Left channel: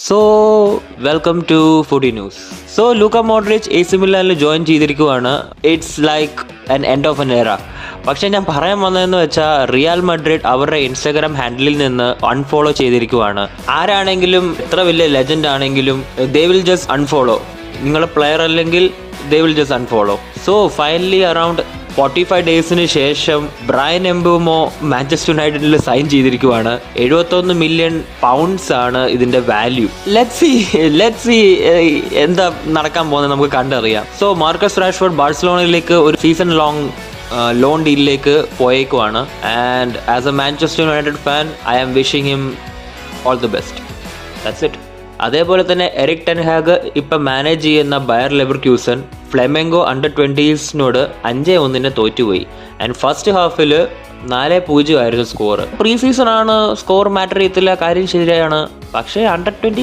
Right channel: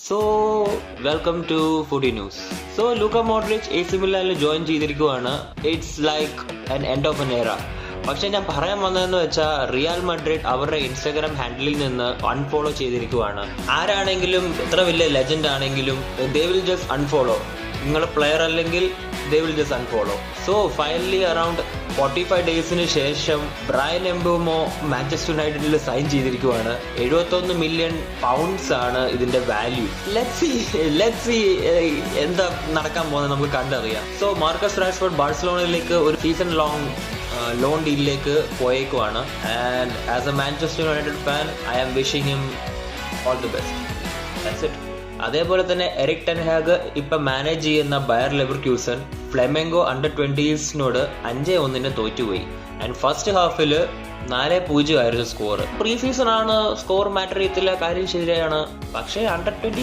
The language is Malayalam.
So welcome to foodie news. So Luka Modric AC മിലാനിൽ ജോയിൻ ചെയ്തിരിക്കുവാണ്. It's like an end of an era. പക്ഷെ ഞാൻ പറയാൻ വന്നതെന്ന് വെച്ചാൽ റിയൽ മഡ്രിഡ് അവരുടെ ഇൻസ്റ്റാഗ്രാം ഹാൻഡിലിൽ നിന്ന് അൺഫോളോ ചെയ്തിരിക്കുവാണ്. ആരാണെങ്കിലും എത്ര വലിയ ലെജൻഡ് ആണെങ്കിലും ദേ വിൽ ജസ്റ്റ് അൺഫോളോ. നിങ്ങൾ പ്ലെയർ അല്ലെങ്കിൽ they will just unfollow. So finally around 45 ഡേയ്സിന് ശേഷം ബ്രയൻ എംബൂമോ മാഞ്ചസ്റ്റർ യുണൈറ്റഡിൽ സൈൻ ചെയ്തിരിക്കുവാണ്. 71 മില്യൺ പൗണ്ട്സ് ആണ് ഇതിന്റെ വാല്യൂ. ലെറ്റ്സ് സീ എന്താ നടക്കാൻ പോകുന്നത് നമുക്ക് കണ്ടറിയാം. സോ മാർക്കസ് റാഷ്ഫോർഡ് ബാഴ്സലോണയിലേക്ക് ഒരു സീസൺ ലോങ് ലോൺ ഡീലിലേക്ക് പോയേക്കുവാണ്. And as a Manchester United fan I am wishing him all the best. That's it. അതേപോലെ തന്നെ എറിക് ടെൻ ഹാഗ് ഇപ്പം മാനേജ് ചെയ്യുന്ന ബയർ ലെവർക്യൂസൻ ഫ്ലെമെങ്കോ അണ്ടർ-20s 5-1 തോറ്റുപോയി. ആൻഡ് ഫസ്റ്റ് ഹാഫിൽ 4-0 ആയിരുന്നു സ്കോർ. പ്രീ സീസൺ ആണ്, സ്കോർ മാറ്റർ ചെയ്യത്തില്ല, കാര്യം ശരിയാണ്. പക്ഷേ അണ്ടർ-20